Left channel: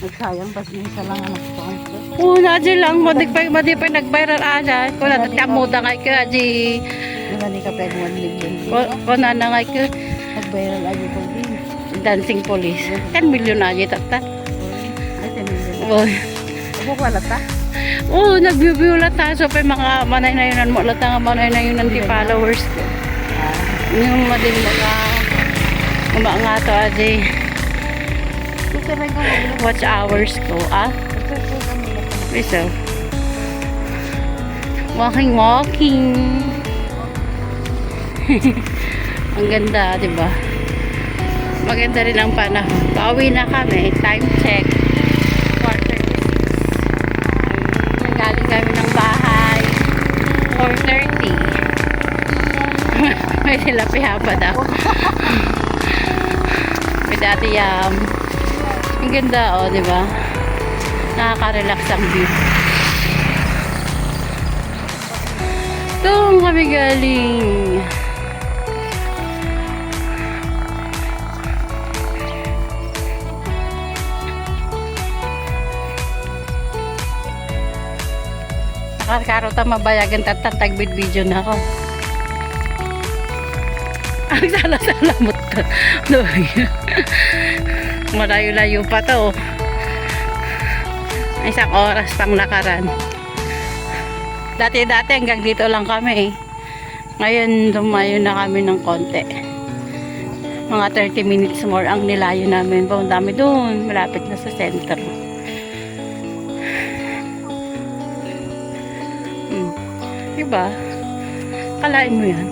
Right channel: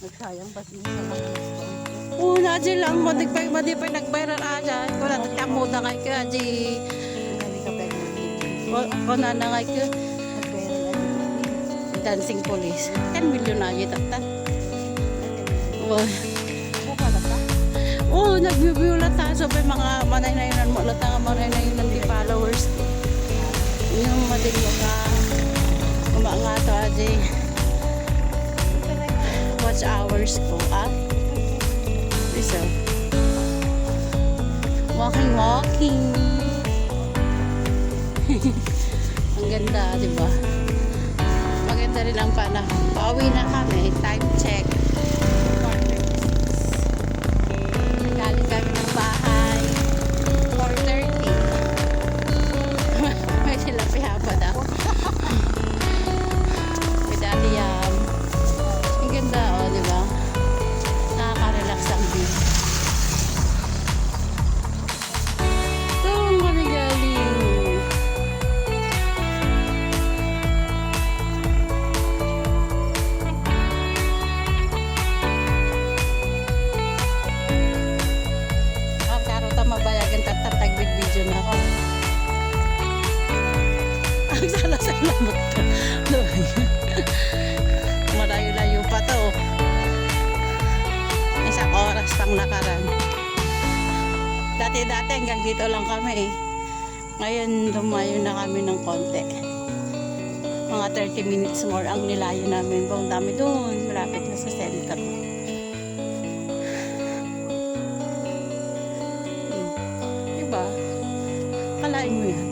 Nagsayang bas na isa lang anak ko. Oo, nadya lang. Madi pa nag-viral aja. Kung nadat ka mo dangay ka, di. Hindi ka pwede mag-ligyan. Kung nanangay ka, Nag-viral ano ko. dancing police. 10 million na aja tata. Oo. Ako pala ta. Oo, nag-view lang tayo. So, pa mga manay-nayunan mo. Lata nga manay-nayunan di followers. Yung maling mga to aja. Ito lang ko. Watch hours ko, ah? So, walking. Ang ganda, di ba? Maganda rin ang panahon. Pauwi na kami. Time check. 4:36. Galing kami ng bahay. 4:30. May sila pihapa daw. Pinaniyam. Ang ganda, oh, di ba? Nakaka-relax ang view. Doon kami galing. Karota mabayagan tatatagvid video na ako. Ang salamot ko. Malayo-layo pa to. Isang oras pang lakaran. Dati-dati hanggang dito lang kami. Ngayon lumayo na kami ng konti. Mga 30 minutes more ang nilayo namin. Ang dami doon. Malapit na sa center. Diba? Kalain mo yan.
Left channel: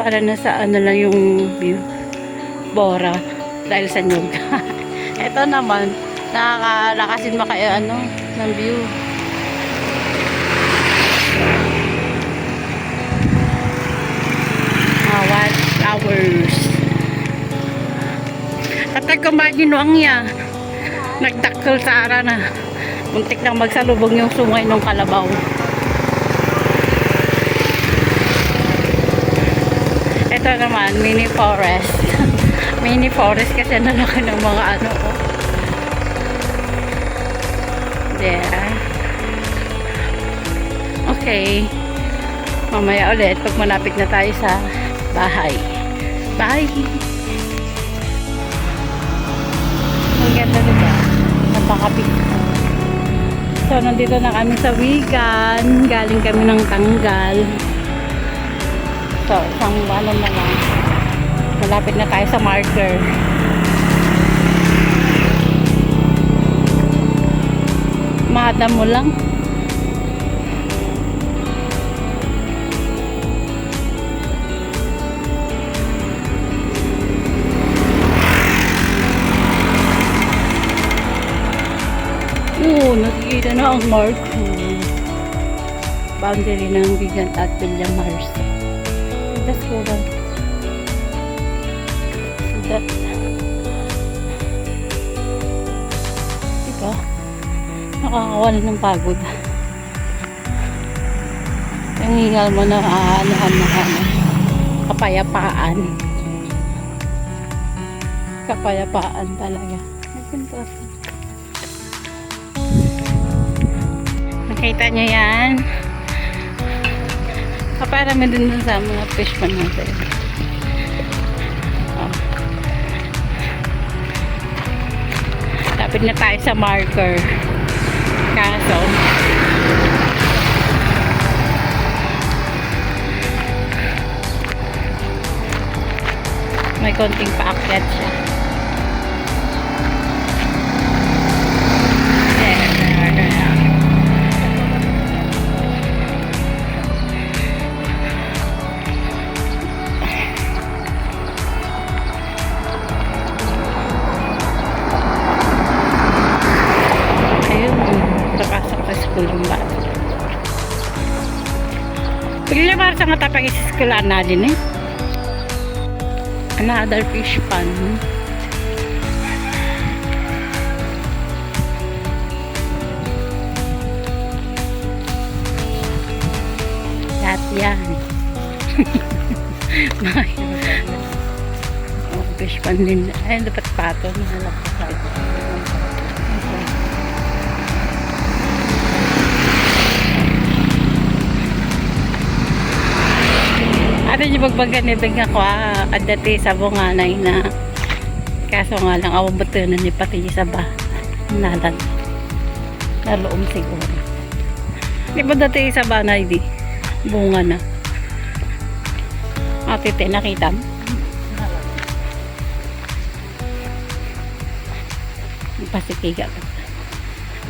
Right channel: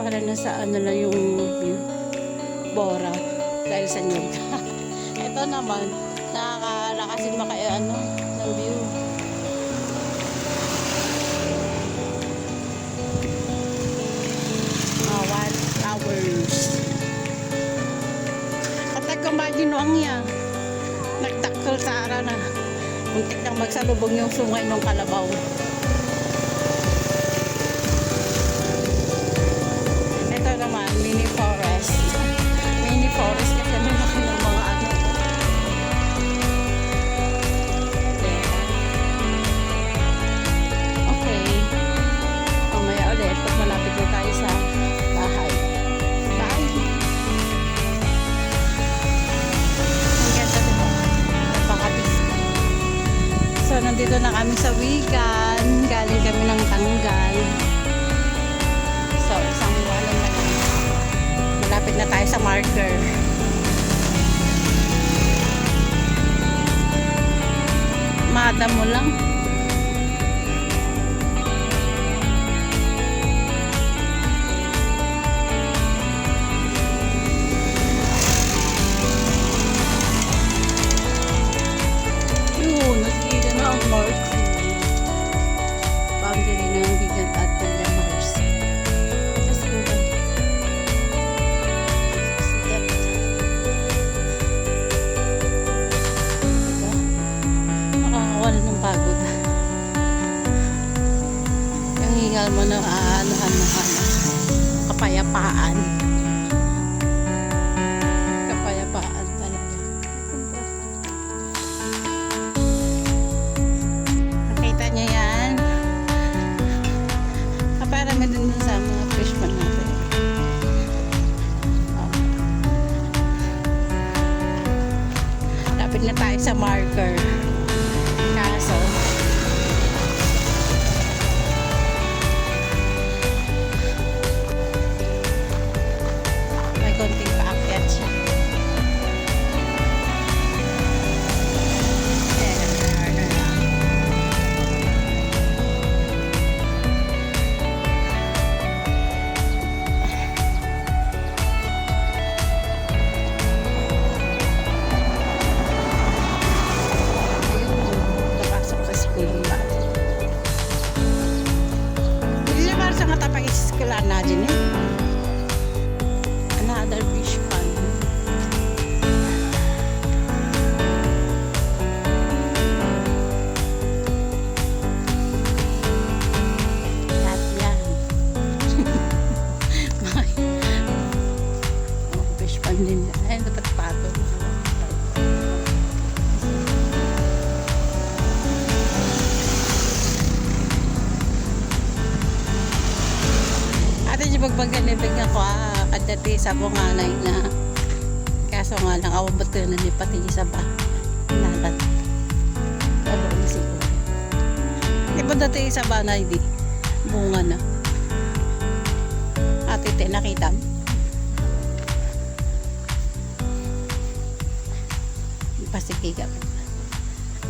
Para nasa ano lang yung view. Bora. Dahil sa nyug. Ito naman. Nakakalakasin ba kayo ano ng view. Watch hours. Katag kumagin ang niya. Nagtakol sa ara na. Muntik nang magsalubong yung sungay ng kalabaw. Ito naman, mini forest. Mini forest kasi nalaki ng mga ano. Okay. Mamaya ulit pag malapit na tayo sa bahay. Bye! Ang ganda diba? Napakabit. So, nandito na kami sa Wigan. Galing kami ng Tanggal. So, isang buwan na lang. Malapit na tayo sa marker. Mahada mo lang. Nakikita na ang mark. Boundary ng Wigan at Villamars. Let's go lang. Diba? Nakakawala ng pagod. Yung hingal mo na aanahan na kapayapaan. Kapayapaan talaga. Nakita niyo yan? Parami din dun sa mga fishman natin. Oh. Lapit na tayo sa marker. Kaso may konting paakyat siya. Sa mata pag-iskulaan na din eh. Another fish pond. Lahat yan. Fish pond din. Ay, dapat patong. ganibig ako kadati sa bunganay na kaso nga lang awabatunan ni pati sa ba nalat kaloong siguro. Di ba dati sa banay di bunga na ate te nakita mo? Pasipiga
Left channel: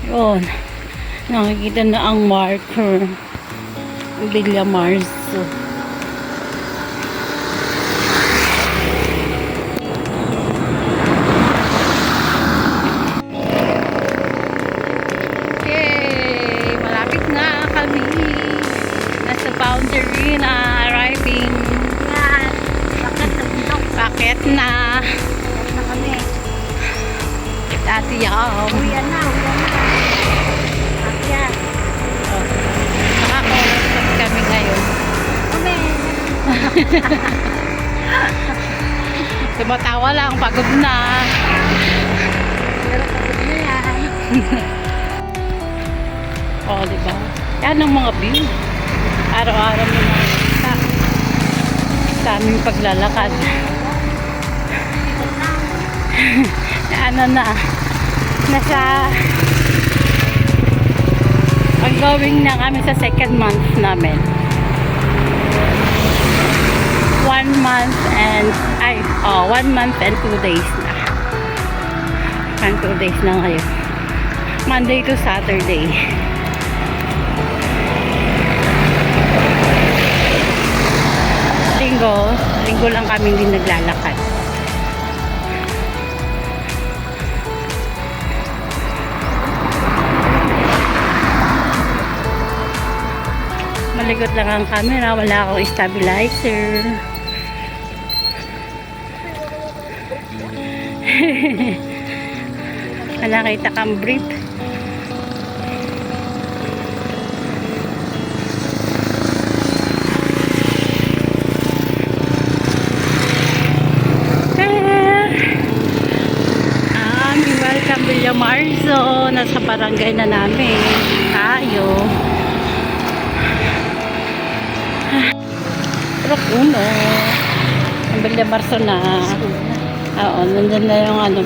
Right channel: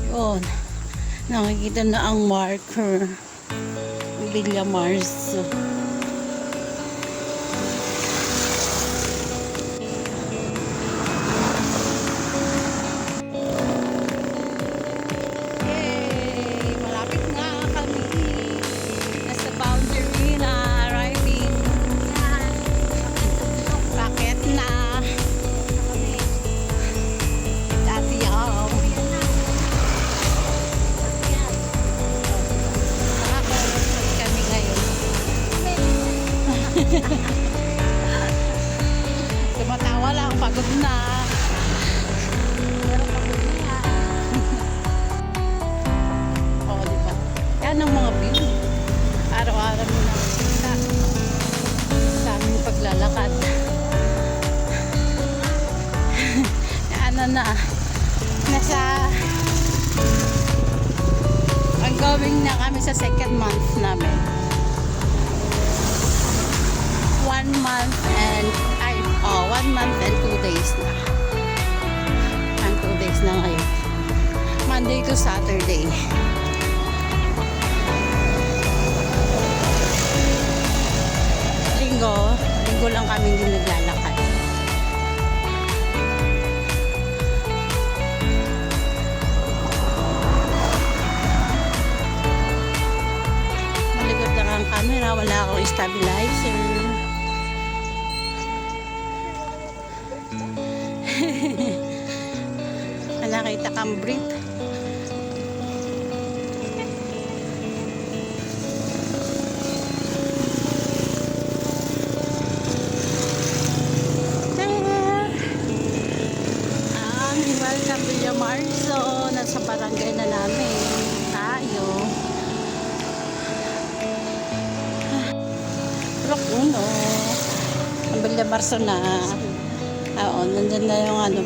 yun nakikita na ang marker Villa Mars. Okay, malapit na kami. Nasa boundary na arriving. Bakit na? Dati yung kami ngayon. Tumatawa lang, pagod na. Oo, diba? Yan ang mga view. Araw-araw mo nakikita sa aming paglalakad. Ano na, nasa ongoing na kami sa second month namin. 1 month and 2 days na. 2 days na ngayon. Monday to Saturday. Linggo lang kami din naglalakad. Malikot lang ang camera, wala akong stabilizer. Nakita kang brief. Welcome Villa Marzo. Nasa barangay na namin tayo. Uno. Villa Marzo na. Oo, nandun na yung ano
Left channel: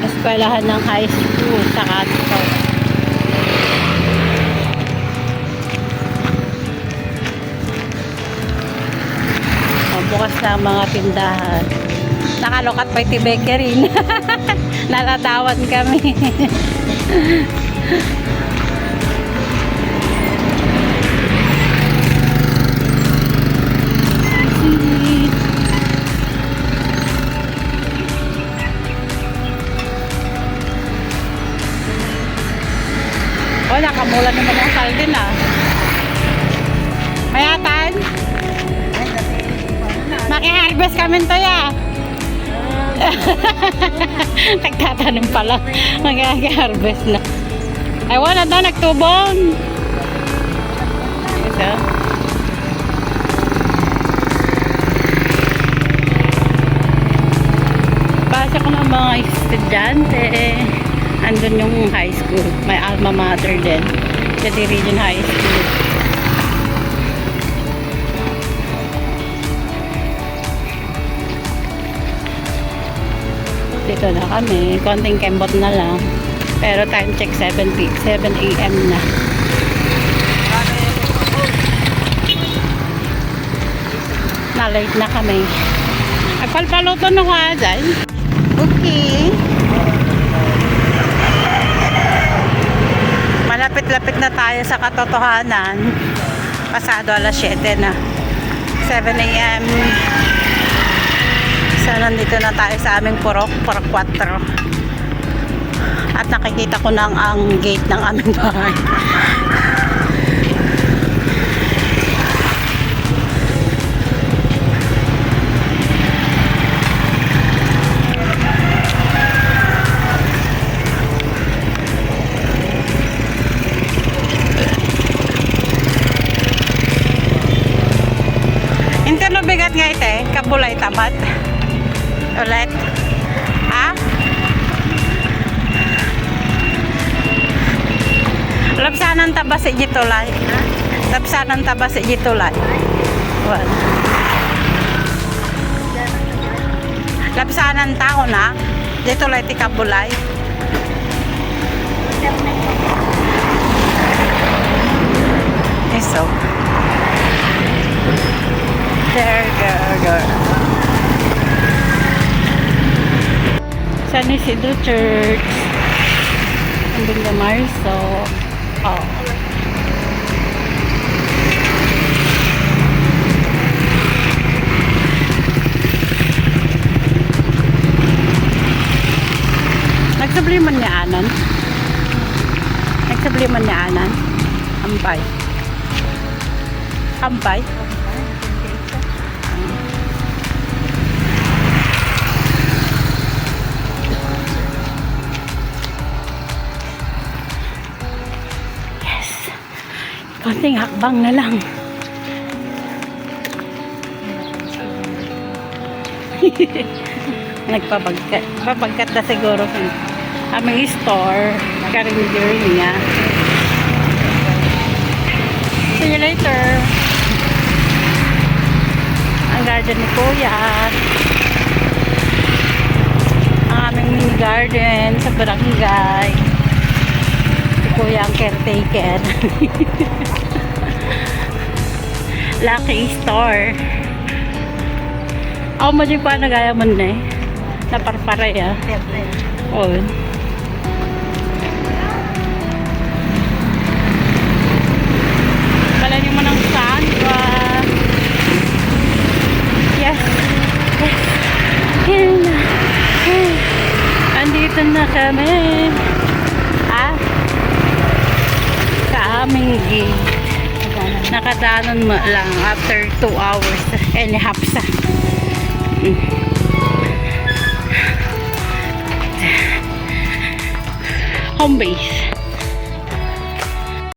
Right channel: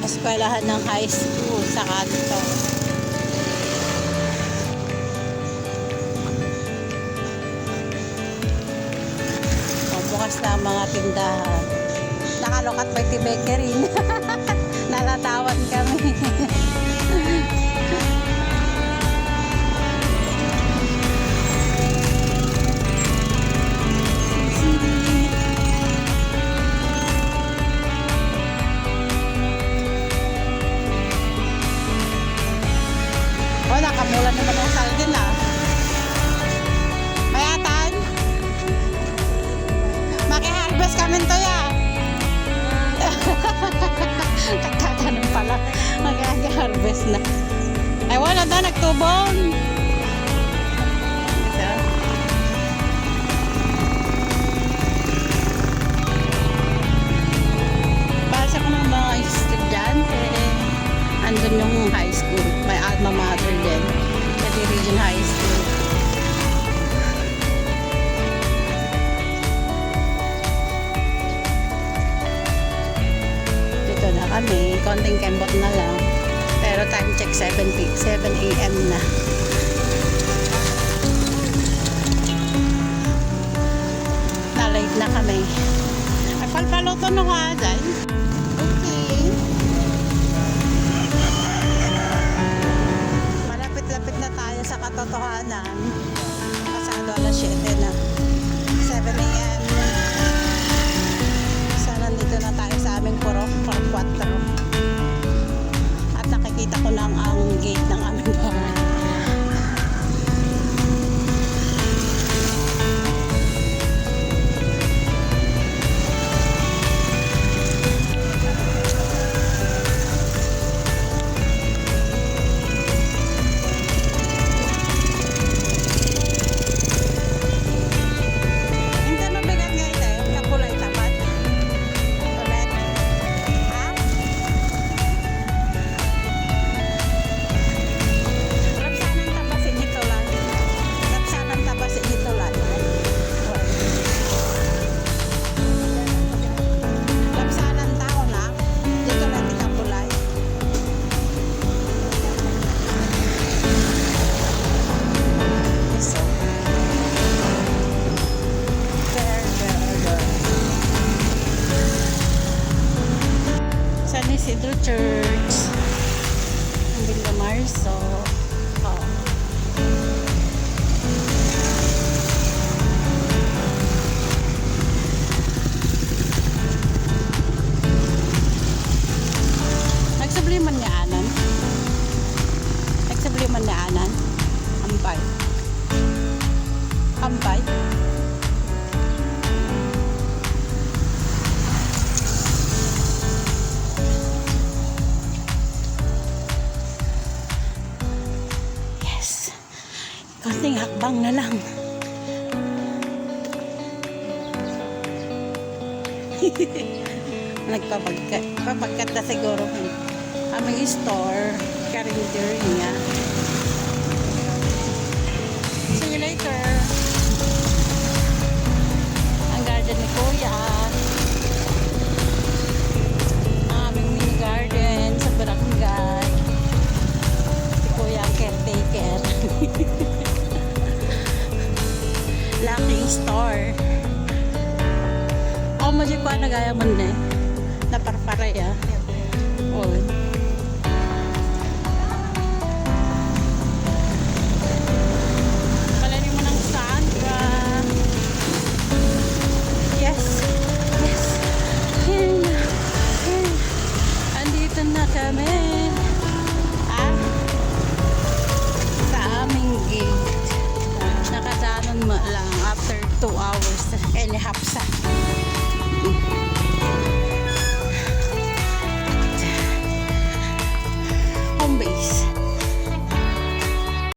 eskwelahan ng high school sa Katito. Bukas na ang mga tindahan. Nakalokat pa yung bakery. Nalatawan kami. Nakamula naman ang sardin Mayatan maki-harvest kami to nagtatanim pala maki-harvest na ay wala na nagtubon ito basa ko ng mga estudyante. Andun yung high school. May alma mater din. Kasi Region High School. Dito na kami. Konting kembot na lang. Pero time check 7 a.m. na. Na-late na kami. Ay, palpaluto na ko dyan. Okay. Malapit-lapit na tayo sa katotohanan. Pasado alas 7 na. 7 a.m. So, nandito na tayo sa aming purok 4. At nakikita ko na ang gate ng aming bahay. Bigat nga ite, kapulay tapat. Ulit. Ha? Lapsanan taba si Jitulay. Lapsanan taba si Jitulay. Well. hapsanan tao na. Dito lang ti Kapulay. So, there go. San Isidro Church. Ang Bunda Marso. Oh. Nagsabliman niya anan. Nagsabliman niya anan. Ampay. Ampay. Yes. Konting hakbang na lang. Papagkat na siguro aming store. Carrier niya. See you later. Ang garden ni Kuya. Ang aming mini garden sa barangay. Si Kuya ang caretaker. Lucky Store. Ako mo di pa nagaya mo na eh. Naparpara ya. Oo. Malayo mo ng saan ba? Yes. Yes. Here na. Here. Andito na kami. Ah? Sa aming gate. Nakadaanan mo lang after 2 hours and a half sa home base.